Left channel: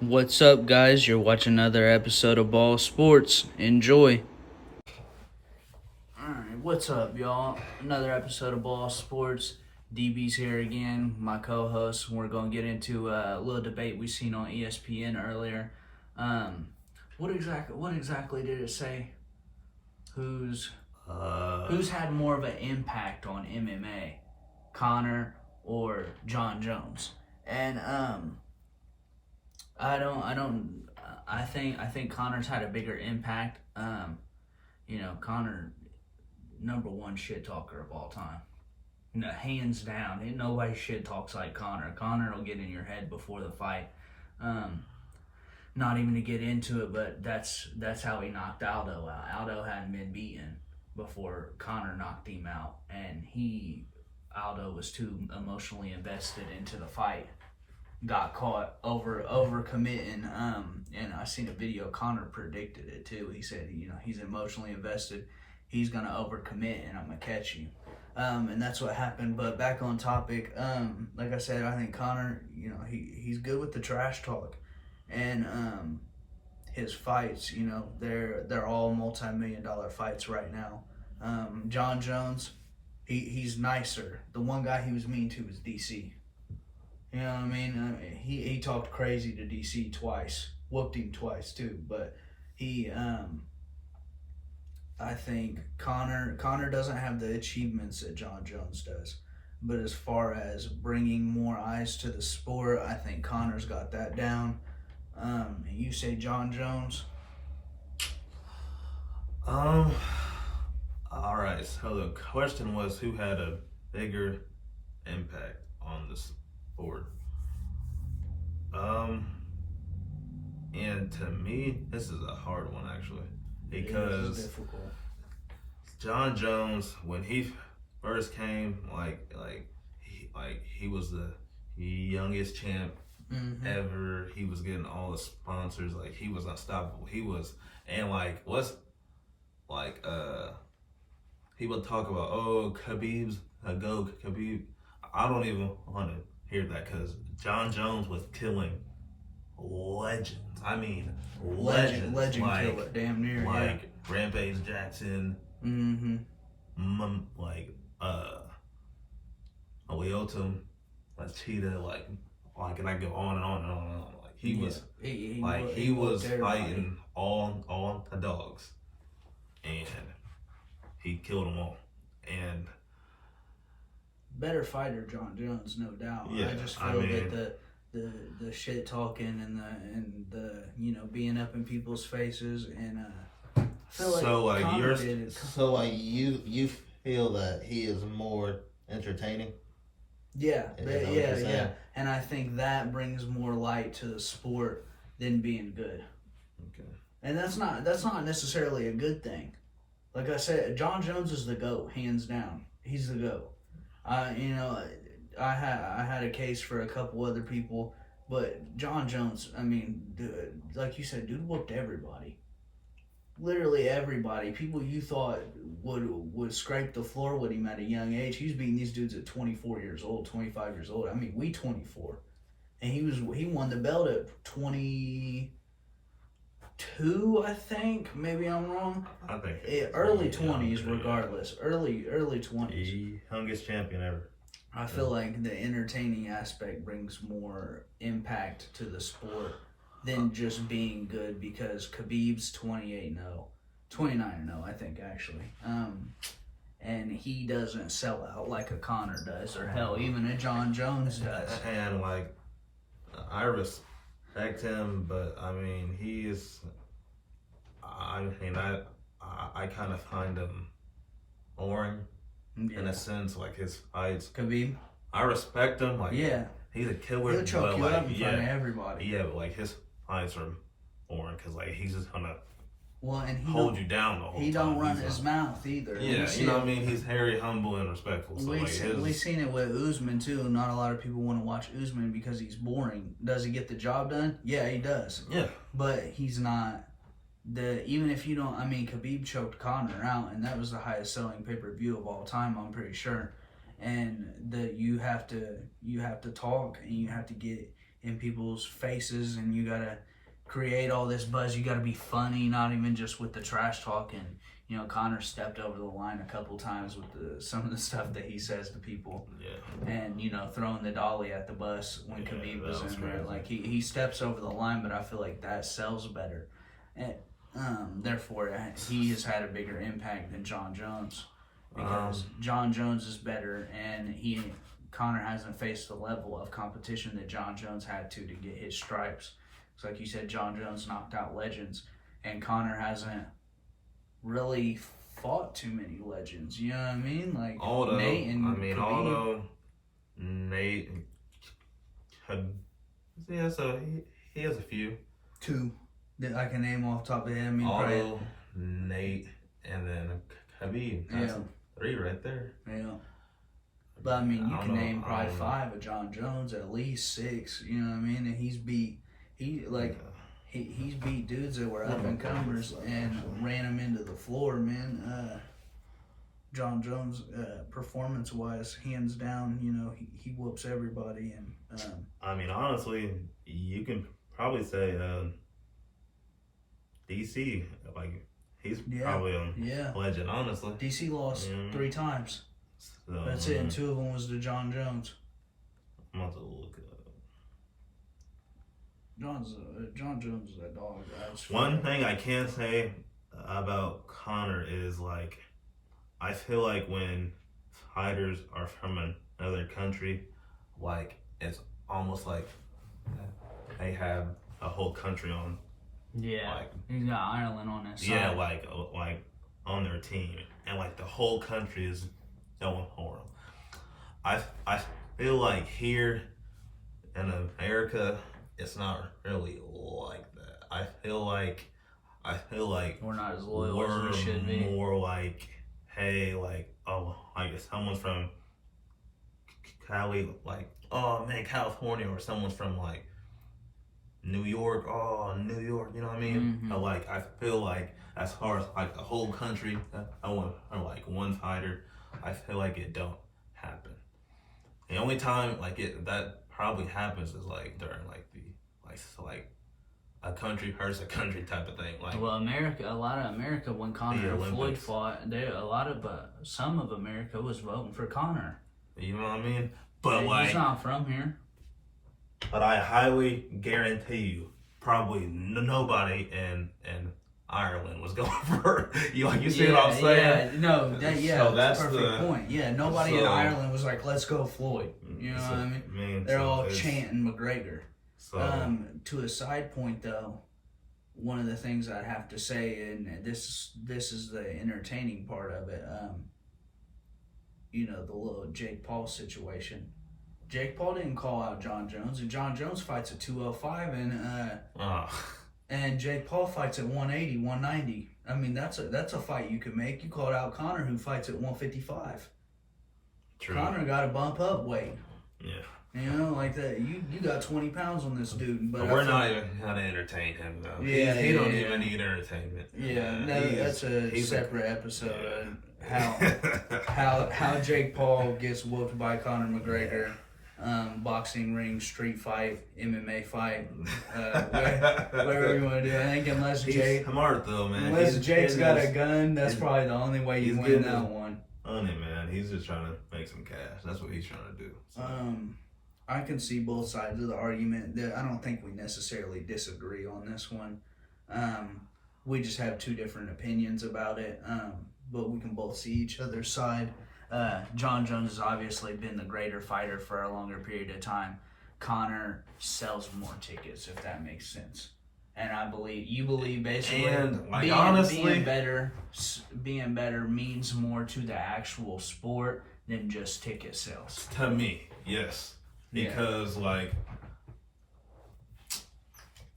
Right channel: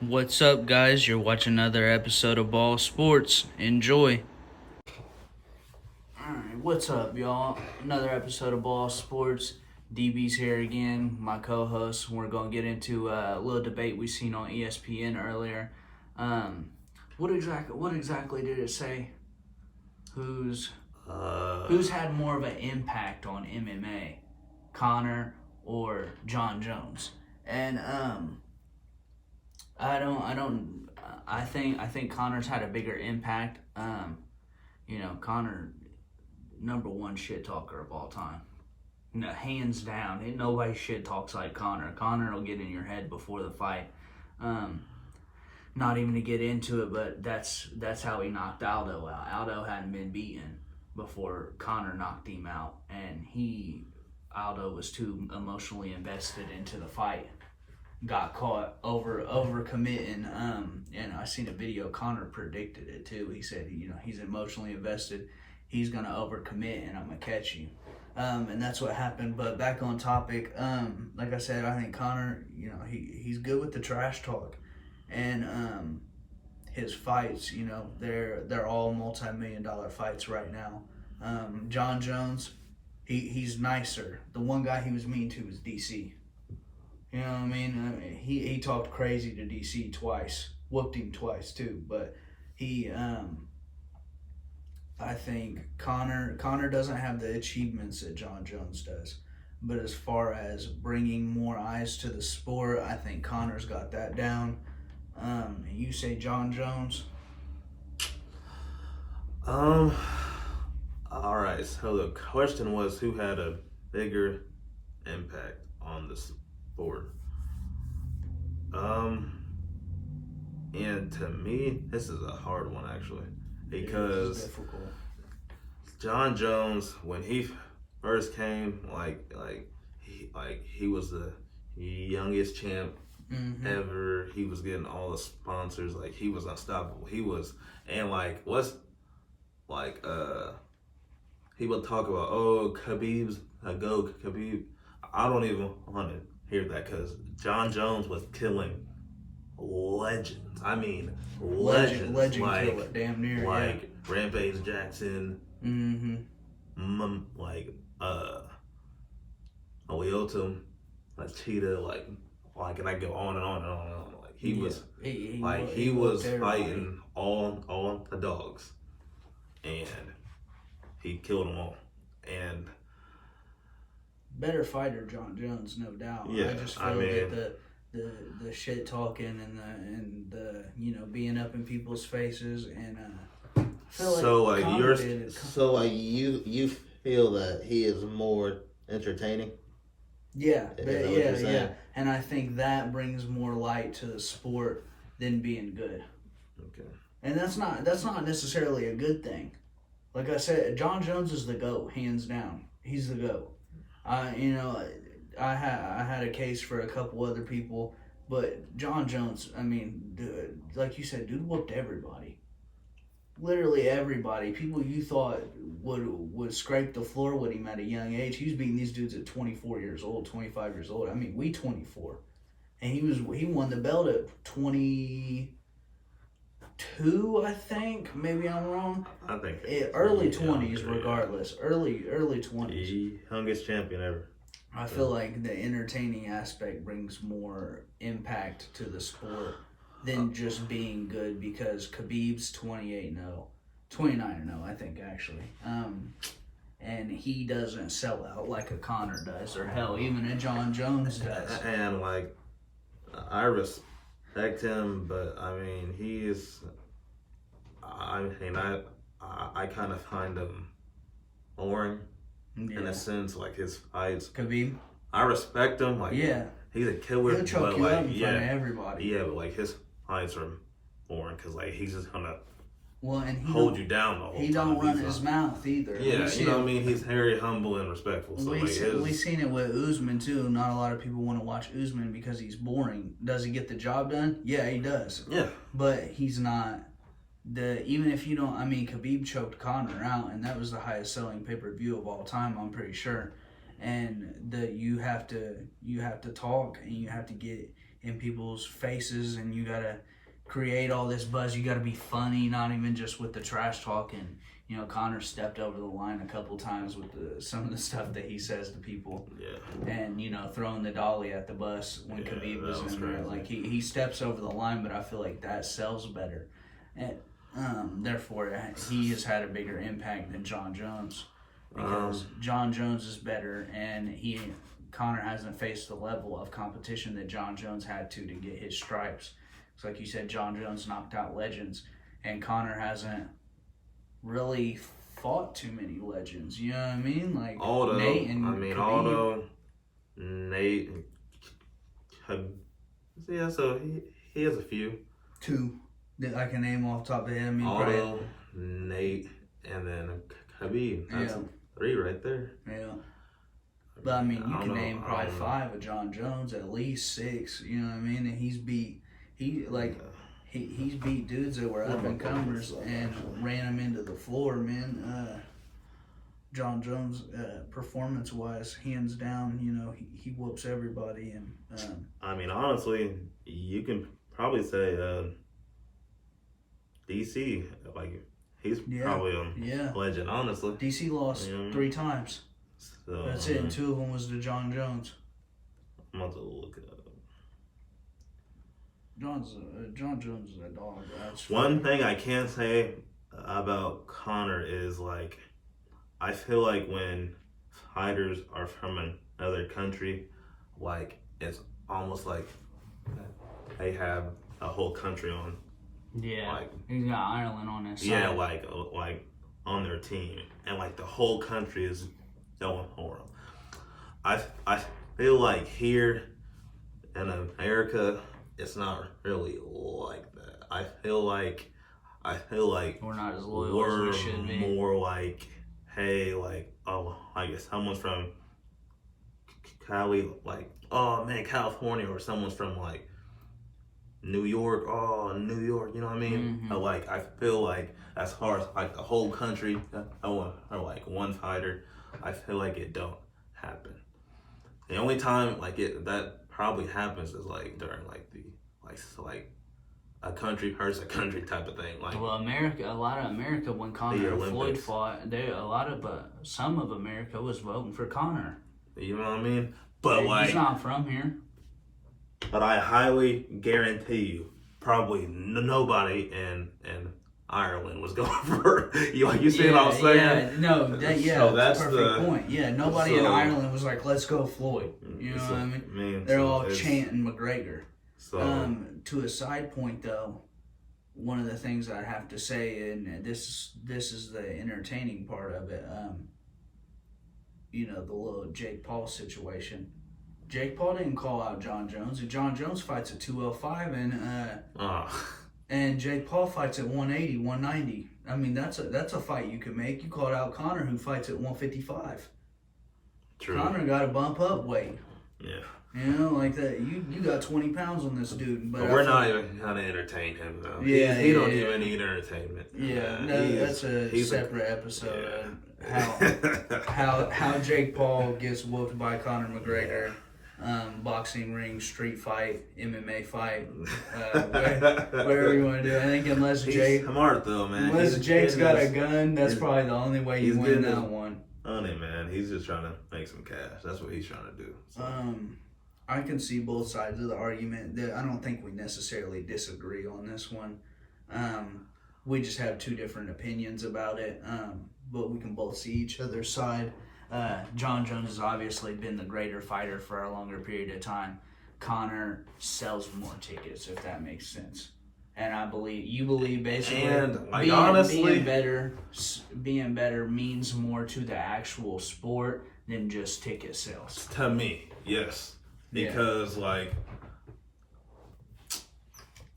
What's up, guys? You're watching another episode of Ball Sports. Enjoy. Alright, what's up, y'all? Another episode of Ball Sports. DB's here again, my co-host. We're going to get into a little debate we seen on ESPN earlier. What exactly did it say? Who's had more of an impact on MMA, Conor or Jon Jones? And I think Conor's had a bigger impact. Conor, number one shit talker of all time. No, hands down. Ain't nobody shit talks like Conor. Conor will get in your head before the fight. Not even to get into it, but that's how he knocked Aldo out. Aldo hadn't been beaten before Conor knocked him out, and Aldo was too emotionally invested into the fight. Got caught over committing, and I seen a video. Conor predicted it too. He said, he's emotionally invested. He's gonna overcommit, and I'm gonna catch you. And that's what happened. But back on topic, like I said, I think Conor, he's good with the trash talk, and his fights, they're all multi-million-dollar fights right now. Jon Jones, he's nicer. The one guy he was mean to was DC. You know what I mean? He talked crazy to DC twice, whooped him twice too. But I think Conor doesn't have the achievements that Jon Jones does. But as far as bringing more eyes to the sport, I think Conor's got that down. You say Jon Jones? All right. So the question was, who had a bigger impact on the sport? And to me, this is a hard one actually, because Jon Jones, when he first came, he was the youngest champ ever. He was getting all the sponsors. Like, he was unstoppable. He was, and he would talk about, Khabib's a go, Khabib. I don't even want to hear that, because Jon Jones was killing legends. I mean, legends. Legend killer, damn near. Like Rampage Jackson. Aliotum, Cheetah, and I go on and on and on and on. Like, he was fighting all the dogs, and he killed them all. And better fighter, Jon Jones, no doubt. Yeah, I just feel that the shit talking and the being up in people's faces, and I feel like you feel that he is more entertaining. Yeah. And I think that brings more light to the sport than being good. Okay. And that's not necessarily a good thing. Like I said, Jon Jones is the GOAT, hands down. He's the GOAT. I had a case for a couple other people, but Jon Jones, I mean, like you said, dude whooped everybody. Literally everybody. People you thought would scrape the floor with him at a young age. He was beating these dudes at 24 years old, 25 years old. I mean, we 24. And he won the belt at 22, I think. Maybe I'm wrong. I think early 20s, regardless. Early 20s. The youngest champion ever. I feel like the entertaining aspect brings more impact to the sport than just being good, because Khabib's 28-0, 29-0, I think, actually. And he doesn't sell out like a Conor does, or hell, even a Jon Jones does. And I respect him, but I mean, I kind of find him boring. Yeah. In a sense, like his fights. Khabib? I respect him. He's a killer. He'll choke you out in front of everybody. Yeah, but his fights are boring, because he's just gonna and hold you down the whole time. He don't run his mouth either. Yeah, you know what I mean? He's very humble and respectful. So we seen it with Usman too. Not a lot of people want to watch Usman because he's boring. Does he get the job done? Yeah, he does. Yeah. But he's not. Even if you don't, I mean, Khabib choked Conor out, and that was the highest selling pay-per-view of all time, I'm pretty sure. And you have to talk, and you have to get in people's faces, and you gotta create all this buzz. You gotta be funny, not even just with the trash talk. And you know, Conor stepped over the line a couple times with some of the stuff that he says to people. Yeah. And you know, throwing the dolly at the bus when Khabib was in there. Crazy. Like he steps over the line, but I feel like that sells better, and therefore he has had a bigger impact than Jon Jones, because Jon Jones is better, and Conor hasn't faced the level of competition that Jon Jones had to get his stripes. It's like you said, Jon Jones knocked out legends, and Conor hasn't really fought too many legends. You know what I mean? Like Nate and Khabib. Although Nate, yeah, so he has a few. Two that I can name off the top of the head. Although Nate and then Khabib. That's 3 right there. Yeah. But I mean, you can name probably 5 of Jon Jones, at least 6. You know what I mean? And he's beat dudes that were up and comers and ran them into the floor, man. Jon Jones, performance wise, hands down, you know, he whoops everybody. And I mean, honestly, you can probably say DC, like he's probably a legend. Honestly, DC lost 3 times. So, that's it, and 2 of them was to Jon Jones. I'm about to look it up. Jon Jones is a dog. One thing I can say about Conor is, like, I feel like when fighters are from another country, like, it's almost like they have a whole country on. Yeah, like, he's got Ireland on his side. Yeah, like on their team, and like the whole country is going for him. I feel like here in America, it's not really like that. I feel like we're not as loyal as we should be. More like, hey, like, oh, I guess someone's from Cali, like, oh man, California, or someone's from like New York, oh, New York, you know what I mean? Mm-hmm. Like, I feel like as far as like the whole country, or like one fighter, I feel like it don't happen. The only time like that probably happens is like during like the like a country versus a country type of thing. Like, well, a lot of America, when Conor and Floyd fought, some of America was voting for Conor. You know what I mean? But like, he's not from here. But I highly guarantee you, probably nobody in Ireland was going for you. Like, you see what I'm saying? Yeah, no, that's a perfect point. Yeah, nobody in Ireland was like, let's go Floyd. You know what I mean? They're all chanting McGregor. So, to a side point though, one of the things I have to say, and this is the entertaining part of it, you know, the little Jake Paul situation. Jake Paul didn't call out Jon Jones, and Jon Jones fights at 205, and Jake Paul fights at 180, 190. I mean, that's a fight you could make. You called out Conor, who fights at 155. True. Conor got to bump up weight. Yeah. You know, like that. You got 20 pounds on this dude, but we're not even gonna entertain him though. Yeah, he don't even need entertainment. Yeah, that's a separate episode. How Jake Paul gets whooped by Conor McGregor, boxing ring, street fight, MMA fight, wherever you want to do it. I think unless Jake, smart though, man. Unless Jake's got a gun, that's probably the only way you win that one. Honey, man, he's just trying to make some cash. That's what he's trying to do. So. I can see both sides of the argument. That I don't think we necessarily disagree on this one. We just have 2 different opinions about it, but we can both see each other's side. Jon Jones has obviously been the greater fighter for a longer period of time. Conor sells more tickets, if that makes sense. And I believe you believe basically, and like, honestly, being better means more to the actual sport than just ticket sales. To me, yes. Because like,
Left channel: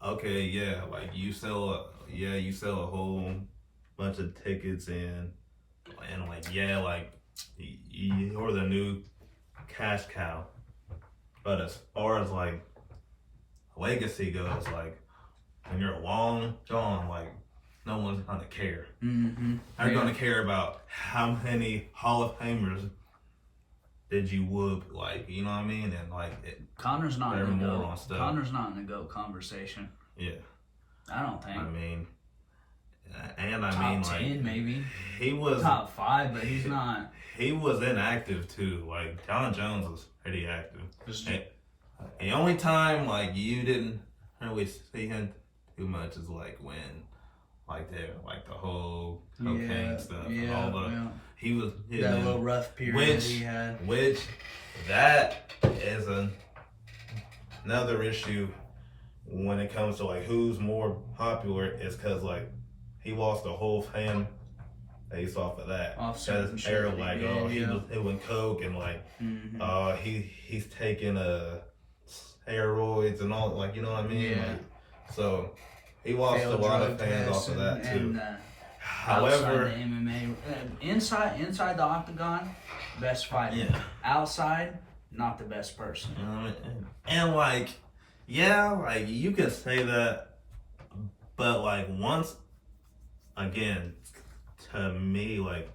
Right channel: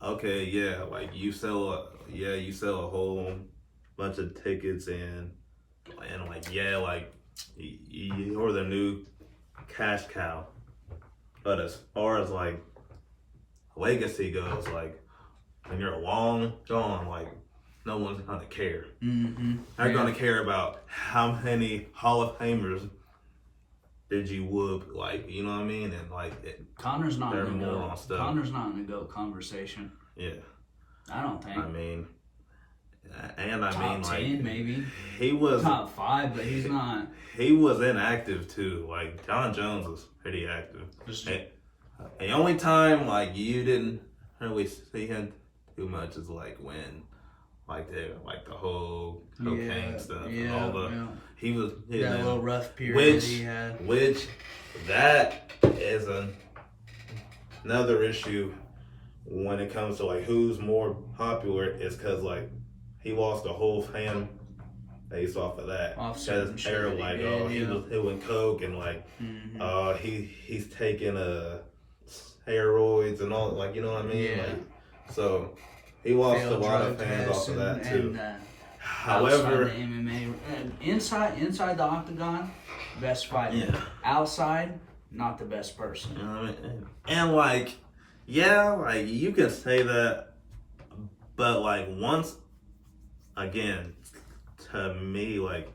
okay, yeah, like you sell a whole bunch of tickets and like, yeah, like you're the new cash cow. But as far as like legacy goes, like when you're long gone, like no one's gonna care. Mm-hmm. They're gonna care about how many Hall of Famers did you whoop? Like, you know what I mean? And like, Conor's not in the more GOAT. on stuff. Connor's not in the GOAT conversation. Yeah. I don't think. I mean, and I top mean, 10 like, maybe. he was Top 5, but he's not. He was inactive too. Like, Jon Jones was pretty active. And the only time like you didn't really see him too much is like when, like the whole cocaine stuff and all the. He was that little rough period he had. Which that is another issue when it comes to like who's more popular, is because like he lost a whole fan base off of that. Off certain era, shit. like he went coke and like he's taking steroids and all, like, you know what I mean? Yeah. Like, so he lost a lot of fans off of that too. However, the MMA, inside the octagon, best fighter. Yeah. Outside, not the best person. You know what I mean? And like, yeah, like you can say that, but like once again, to me, like,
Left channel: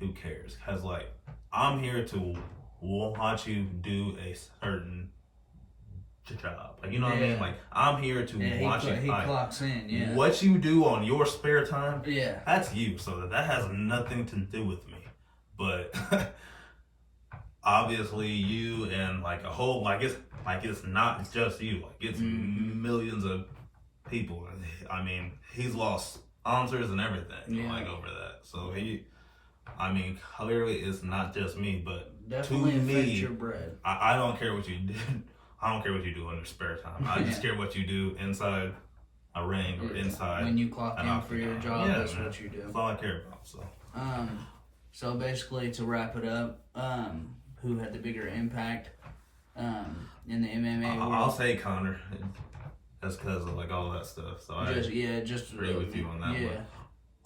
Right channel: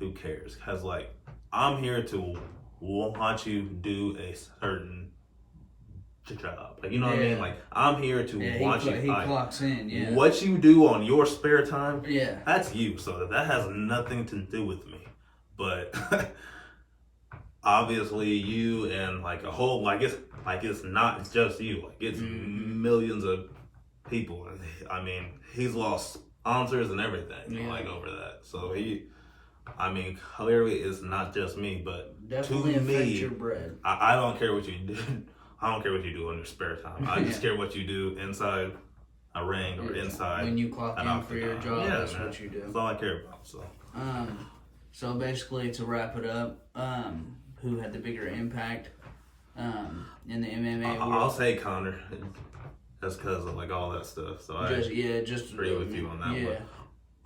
who cares? Because like, I'm here to watch you do a certain job. Like, you know what I mean? Like, I'm here to watch you. He clocks in, yeah. What you do on your spare time, yeah, that's you. So that has nothing to do with me. But obviously, you and like a whole, like it's not just you. Like, it's millions of people. I mean, he's lost sponsors and everything, like, over that. So clearly it's not just me, but definitely to affect me, your bread. I don't care what you do. I don't care what you do in your spare time. I just care what you do inside a ring or inside. When you clock in for your job, that's what you do. That's all I care about. So basically, to wrap it up, who had the bigger impact in the MMA world? I'll say Conor. That's because of like all that stuff. So I just agree with you on that one. one.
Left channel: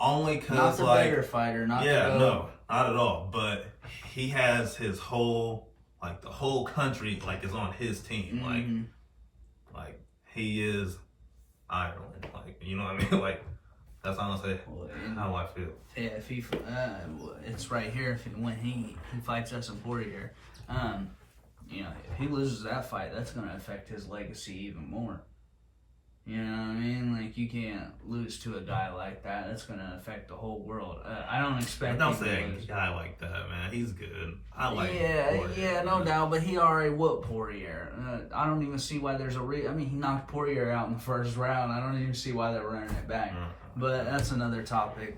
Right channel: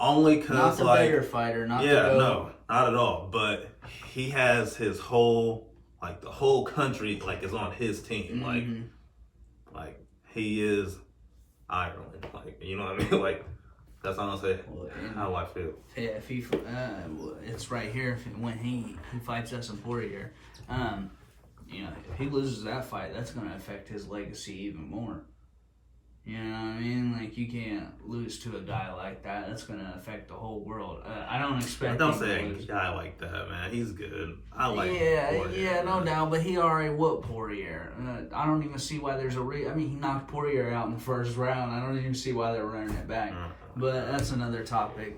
Only because not the like better fighter, not no, not at all. But he has his whole, like, the whole country like is on his team. Like he is Ireland. Like, you know what I mean? Like, that's honestly how I feel. Yeah, if he, it's right here. When he fights us in Poirier, you know, if he loses that fight, that's going to affect his legacy even more. You know what I mean? Like, you can't lose to a guy like that. That's going to affect the whole world. I don't expect. Don't say a guy like that, man. He's good. I like. Poirier, no doubt. But he already whooped Poirier. I don't even see why there's I mean, he knocked Poirier out in the first round. I don't even see why they're running it back. But that's another topic.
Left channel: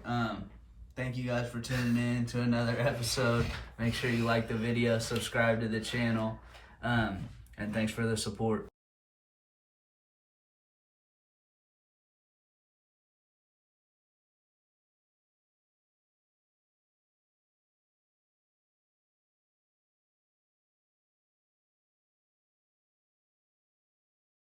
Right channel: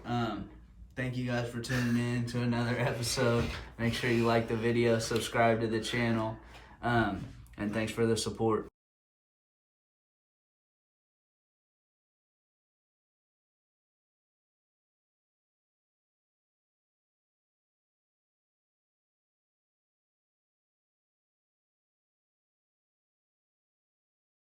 Thank you guys for tuning in to another episode. Make sure you like the video, subscribe to the channel, and thanks for the support.